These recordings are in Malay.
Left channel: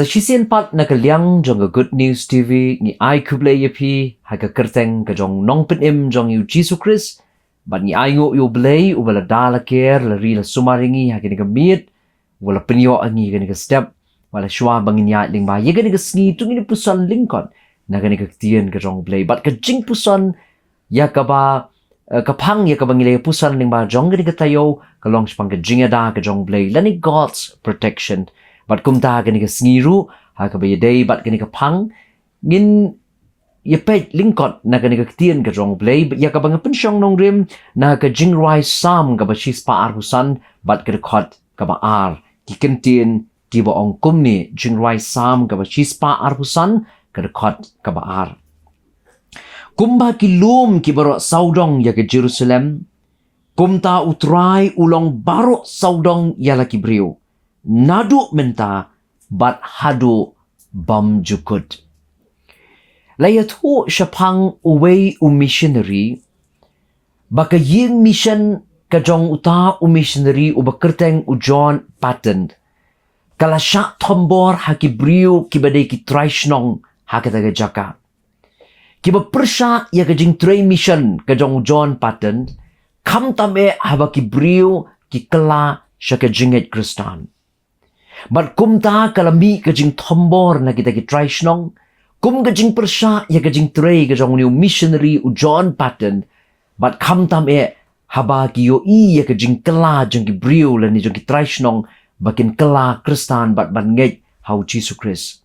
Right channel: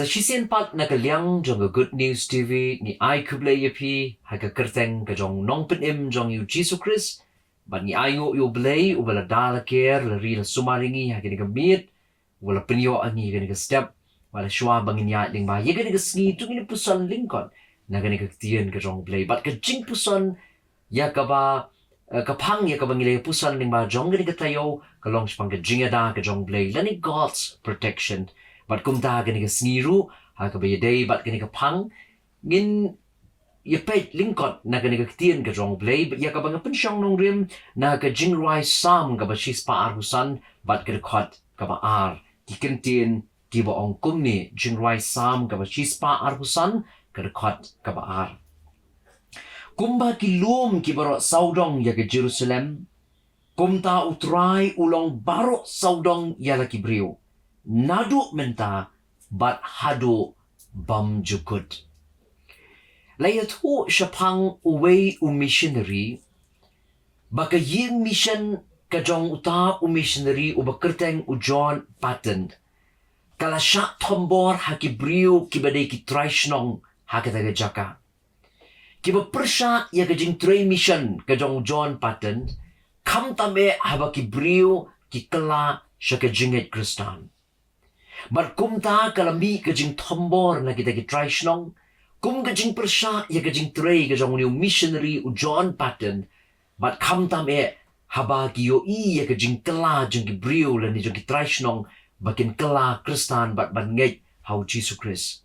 Sa shisien pat na kaliang jong Good News TV ni U Blei yapi ha ka kyrteng ka jong nong penim jong U Khrist bat ni ngo U Blei u bala dala ker la ri la sumaringi ha kini ka miet wala penyo angi kini ka step wala shwa bangin ya ling ba ye kini ka sngi tu ni puson lyngkot na kini ka Ktien ka jong Blei bat ka jingpuson ya ka ba kapang ya ka bangile puson ling ba jong kini ka tayo ka long spang ka jingada ka jong Blei lani God's protection bat kumta kini ka sngiru ha ka bayadei bat kini ka pang ngin yepet lyngkot na kini ka Ktien ka jong Blei ya ka bang pensyong nong rim na ka jingrai Salm ka ba shispa arhusan bat ka khot ka ba ar ki Ktien ki ba ong kumni jingrai Salm ka ba shispa arhusan ka khot ka ba ar kumba ki lum ki baro saudong ya ka Jerusalem kumta utrai ulong baro saudong ya la ki brio nadu menta bat hadu bam jukut. Layat ho syapang uwei missionary baka ying mission ka jong uta missionary u kyrteng u John patent kala syak tombor haki briu kibadai ki traishnong hakata ga jaka kiba persya ya ka jing train mission ka jong John patent kam tame haba ki briu ki kala syaka jinget Kristan. Bat kumta kalami ka jing tombor na kita ki traishnong kum ka jing persya ya ka jing tray ka jong new missionary u John patent bat kam tam haba ki yo ya ka jing kala jong ki brio la ni jong ki traishnong bakin kala Kristan bat ban ngej hau Jisu Khrist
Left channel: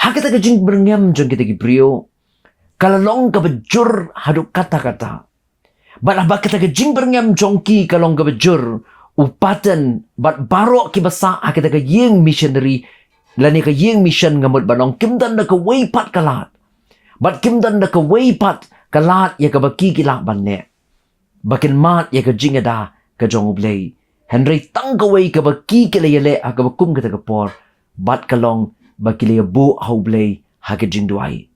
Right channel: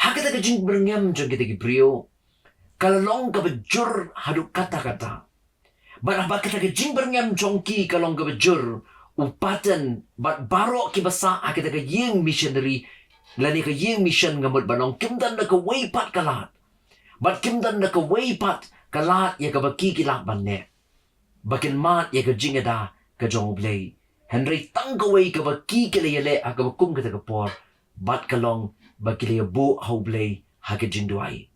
hakata ka jing berngam jong kita ki brio kalalong ka bejur hadu kata-kata bat haba kita ka jing berngam jong ki kalong ka bejur upatan bat barok ki basa akita ka ying missionary lani ka ying mission ngamut banong kimdan na ka way pat kalat bat kimdan na ka way pat kalat ya ka baki kilak banne bakin mat ya ka jingada ka jong Blei Henry tang ka way ka baki kilayale aga bakum kita ka por bat kalong bakilaya bu hau Blei ha ka jingduai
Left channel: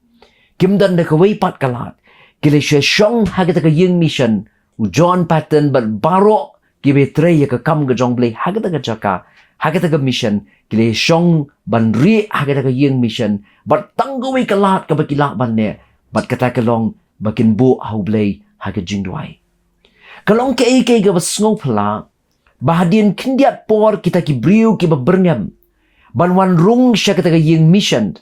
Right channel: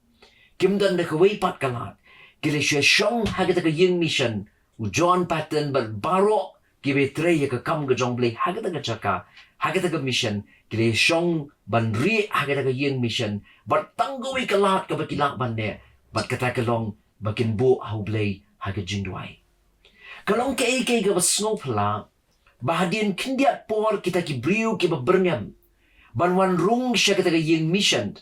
kimdan na ka way pat kalat kilay siya syong ha kita ka ying mission u John pattern bat barok kibe tre ya ka kam ga jong Blei hagata ka jaka hagata ka mission kile shong ban ri hagata ka yeng mission bat tanggawi ka lat ka bakilak ban ne bat kata ka long bakin bu hau Blei haga jingduai kalong ka ike ga basngo pala bahadin kindiat por kita ki briu ki berngam ban wan rung sya kata ka yeng mission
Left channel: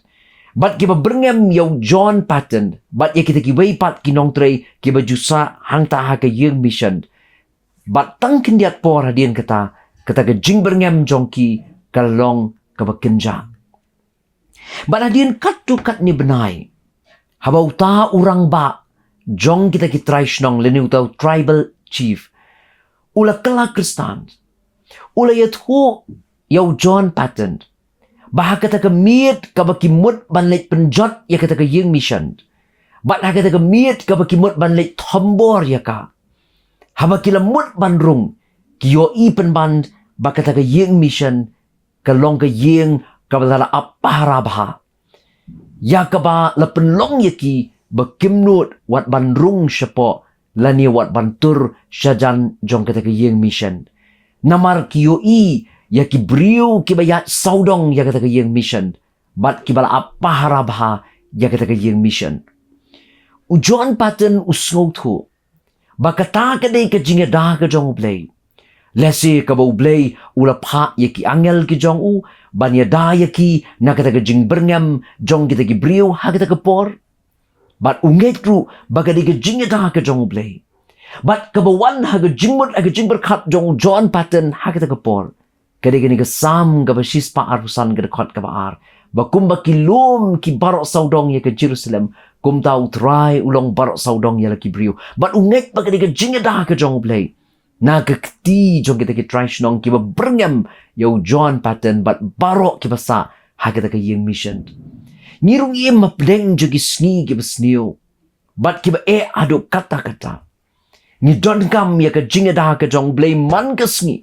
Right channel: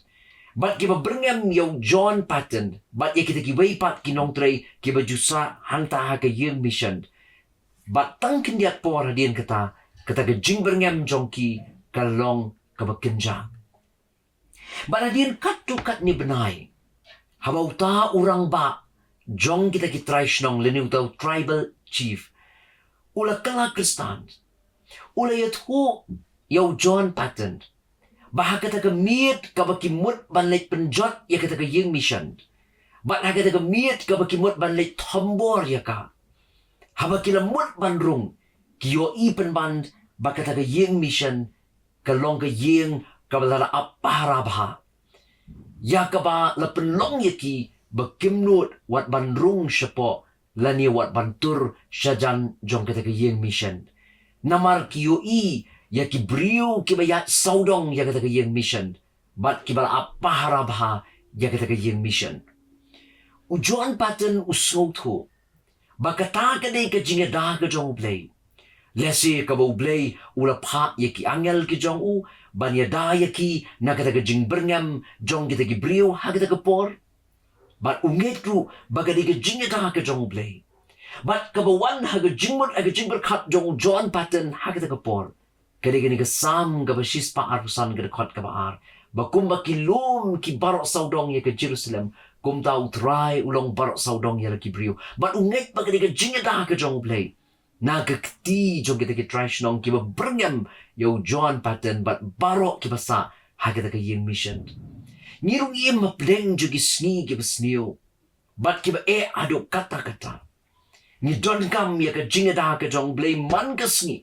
bat ki berngam yo John pattern bat ya kita ki wei pat ki nong tre ki jusa hang ta ha ka yeng mission bat tang kindiat por hadian kata ka jing berngam jongki kalong ka kynja bat hadian kat tu kat ni benai haba uta urang ba jong kita ki traishnong leni utau tribal chief ula kala Kristan ula yat ho yaw John patent bah kata ka miet ka bakimut banlet penjot ya kata ka yeng mission bat kata ka miet ka bakimut banlet tombor ya ka haba kila mut bandrung kiyo ipen band bakata ka yeng mission kalong ka yeng kabalala aparabha ya ka ba la penlong yaki bakimnut wat bandrung syapo lani wat bantur syajan jong kata ka yeng mission namar kiyo yaki briu kibayat saudong ya kata ka yeng mission bat kibala aparabha ya kata ka yeng mission ujon paten usngothu bakata ka day ka jingada ka jong Blei lesi ka ba Blei ula pa yaki angel ki jong u banyada yaki na kata ka jing berngam jong kita ki brio ha kita ka por bat unget ru bagadi ka jingada ka jong Blei bat ka ba wan ha ka jingmut ha ka jing berkat jong John pattern ha kita ka por kadi ka ni ka sam ka ba shispa arusan ka kot ka ba ar bakum ba kilum ki barok saudong ya ka Jerusalem kum tau try ulong barok saudong ya laki brio bat ungek ba kadi ka jingada ka jong Blei na ka kti jong kita ki traishnong ki ba berngam yo John pattern bat barok ki basa ha kita ka yeng mission ngirung im mapleng jogi sngi ki basnio bat ki ba aduk kata-kata ni don kam ya ka jingada ka jong Blei man ka sngi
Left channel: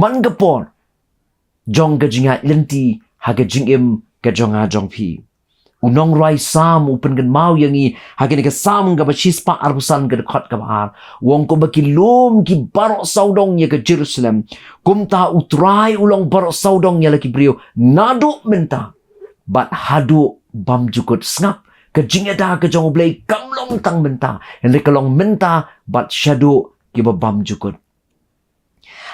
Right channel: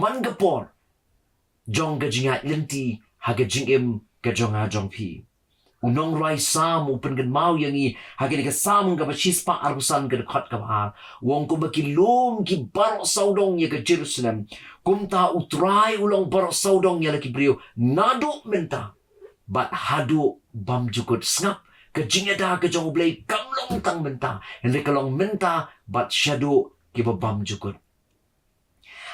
man ka por jong ka jingat lenti ha ka jingim ka jong a jong pi Unong rai sam upen gan mau yangi hagin ka sam ga chispa arbusan ga khot ka bahar wong ko bakilum ki barok saudong ya ke Jerusalem kumta utrai ulong barok saudong ya laki brio nadu menta bat hadu bam jukut snap ke jingada ke jong blei kamlong tang menta henry kalong menta bat shadu ki bam jukut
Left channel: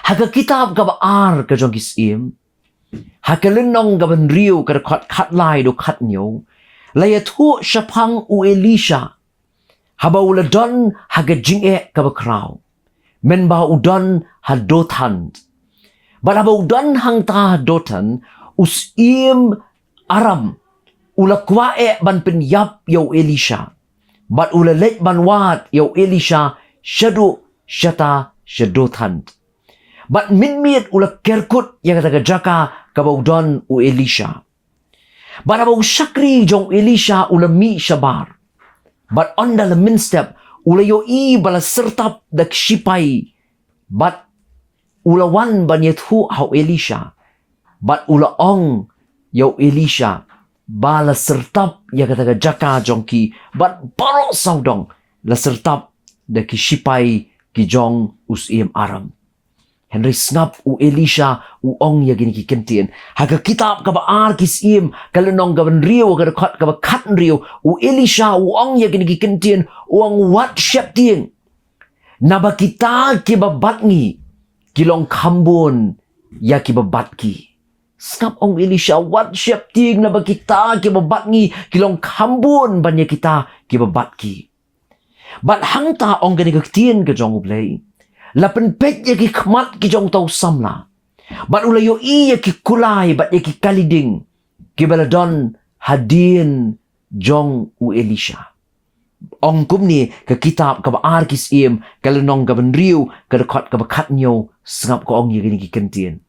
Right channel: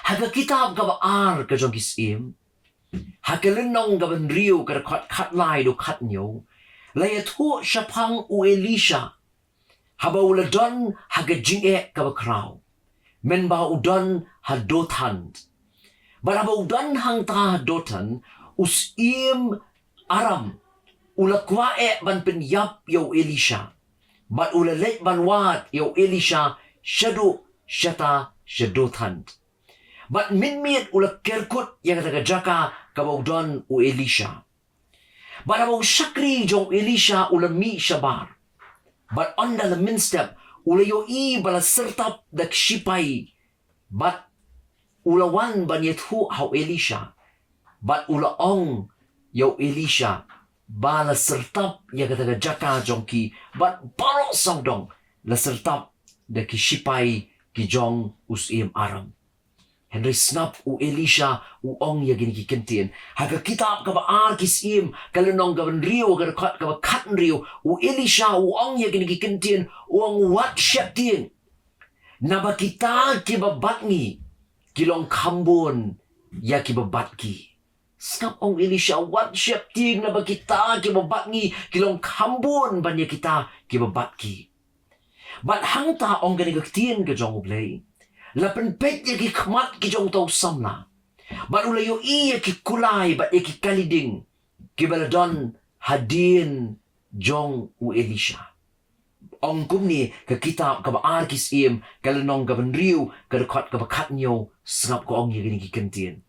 haga kitab ga ar ke jong Syiem hakelenong ga ban rio ka khat lai do khat nyo Laya tu syapang u Elisha. Haba ula don haga jinge kaba krau. Men ba udon hadotan. But haba udon hang ta hadotan. Syiem aram. Ula kwae ban penyap yau Elisha. But ula lek ban wat yau Elisha. Syadu syata syadotan. But minmit ula kerkut yang kata jaka kaba udon u Elisha. But about syakri jong Elisha ula mi syabar. But on the min step ula yo I bala sertap dak shipai. But ula wan ban yethu hau Elisha. But ula ong yo Elisha bala sertap ya kata jaka jong ki. But barok saudong la sertap dak shipai ki jong Syiem aram. Henry snap u Elisha u ong ya gini ki Kentien. Haga kitab ka ba ar ki Syiem kalunong gaban rio ka dekat ka ba kat rio u Elisha u ong ya gini ki Kentien u ong wat syap tien. Naba kita ki babat ngi kilong kambon ya ki babat ki. Snap ong Elisha wat syap tien naba kita ki babat ngi kilong kambon banya kita ki babat ki. Bat hang ta ong gini ka Ktien ka jong U Blei. Lapan pet ya ki khmat ki jong tau samla. Bat ula yo I ya ki kulai bat ya ki kaliding. Ki baladon hadin jong u Elisha. Ong kum ni ke kitab ka baar ki Syiem kalunong ka riu ka dekat ka bakat nyo sengap ko ong ya gini ki Kentien.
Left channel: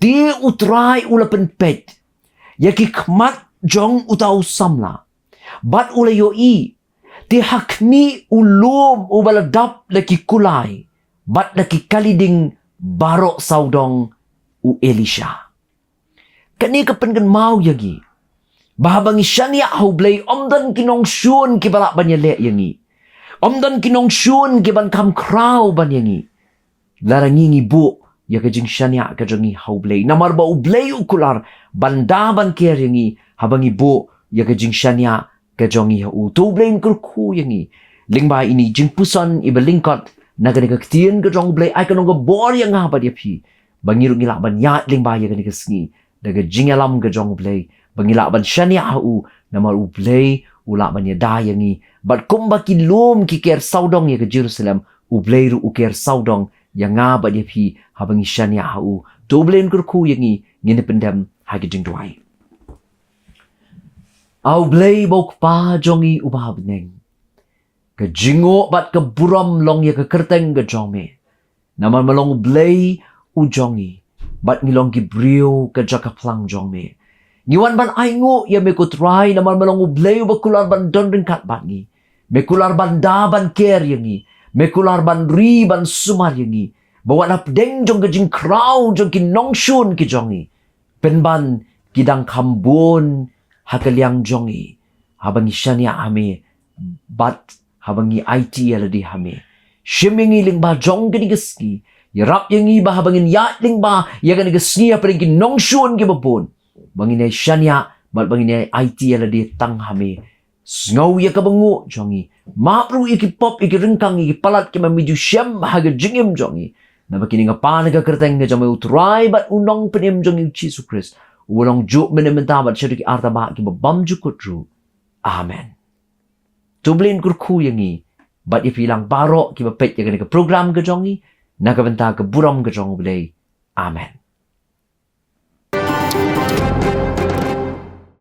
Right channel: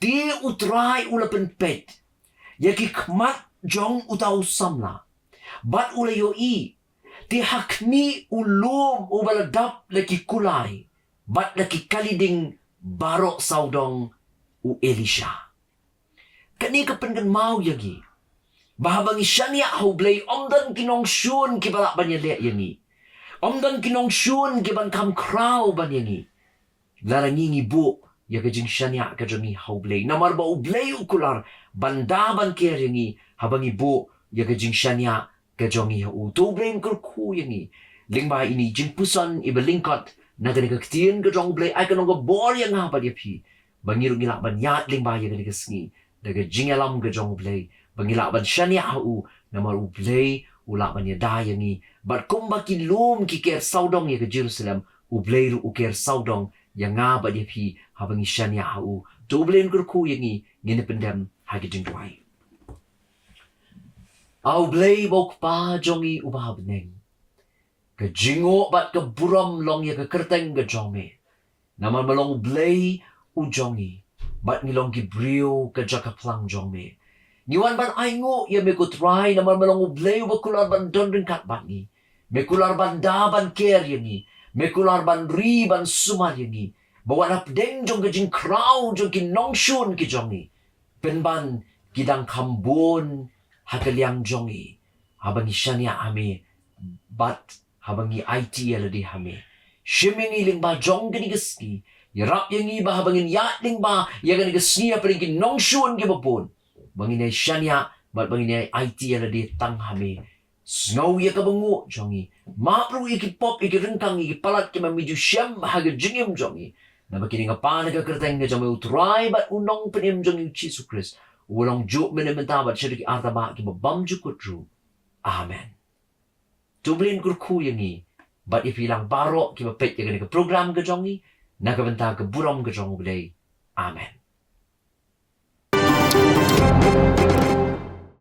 Ti utrai ula pen pet ya ki khmat jong u tau samla. Bat ula yo I ti hakni ulum u baladap la ki kulai. Bat laki kaliding barok saudong u Elisha. Kani kapan mau yagi. Bahabang isyanya hau Blei omdan kinong syun ki balak banyalek yangi. Omdan kinong syun ki ban kam krau banyangi. Larangi bu ya kajing syanya kajangi hau Blei. Namar ba u Blei u kular banda ban kier yangi. Habang ibu ya kajing syanya kajangi hau. Tu Blei kurku yangi. Lingba ini jingpuson iba lyngkot. Naga Ka Ktien ke jong Blei ai kanong go bor yang ngapa dia pi. Bangiru ngilak ban yat ling ba ya ka sngi. Daga jingalam ke jong Blei. Bangilak ban syania hu namar U Blei ulak ban ya da yangi. Bat kumba ki lum ki ker saudong ya ke Jerusalem. U Blei ru u ker saudong yang ngapa dia pi habangi syania hu. Tu Blei kurku yangi ngine pendam ha ke jing duai. Au Blei bok pa jongi ubah beneng. Ke jingo bat ke buram long ya ke kyrteng ke jome. Naman malong Blei u jongi. Bat ngilong ki brio ke jaka plang jome. Ngiwan ban aingu ya me kutrai naman malong u Blei u bakular ban don ringkat bat ni. Me kular ban da ban ker yangi. Me kular ban ri ban sumar yangi. Bawa nap deng jong ke jing krau jong ki nongshun ki jongi. Penban kidang kambun hakaliang jongi. Habang isyanya ame bat habangi IT aladi hame. Shimingi ling ba jong gani gaski. Yarap yangi ba habangin yat ling ba ya gani gaski apa ling nongshun ki babon. Banginay syanya bat banginay IT aladi tang hame. Sngaw ya kabangu jongi. Mapru iki pop iki rengkang iki palat ki mamidu syem haga jingim jongi. Nabakini nga pa naga kyrteng nga jong may utray bat unong penim jong U Jisu Khrist. Ulong juk menementabat syadu ki artaba ki babam jukutru. Amen. Tublin kurku yangi. Bat ipilang barok ki bapet ya ke program ke jongi. Nakabenta ke buram ke jong Blei. Amen.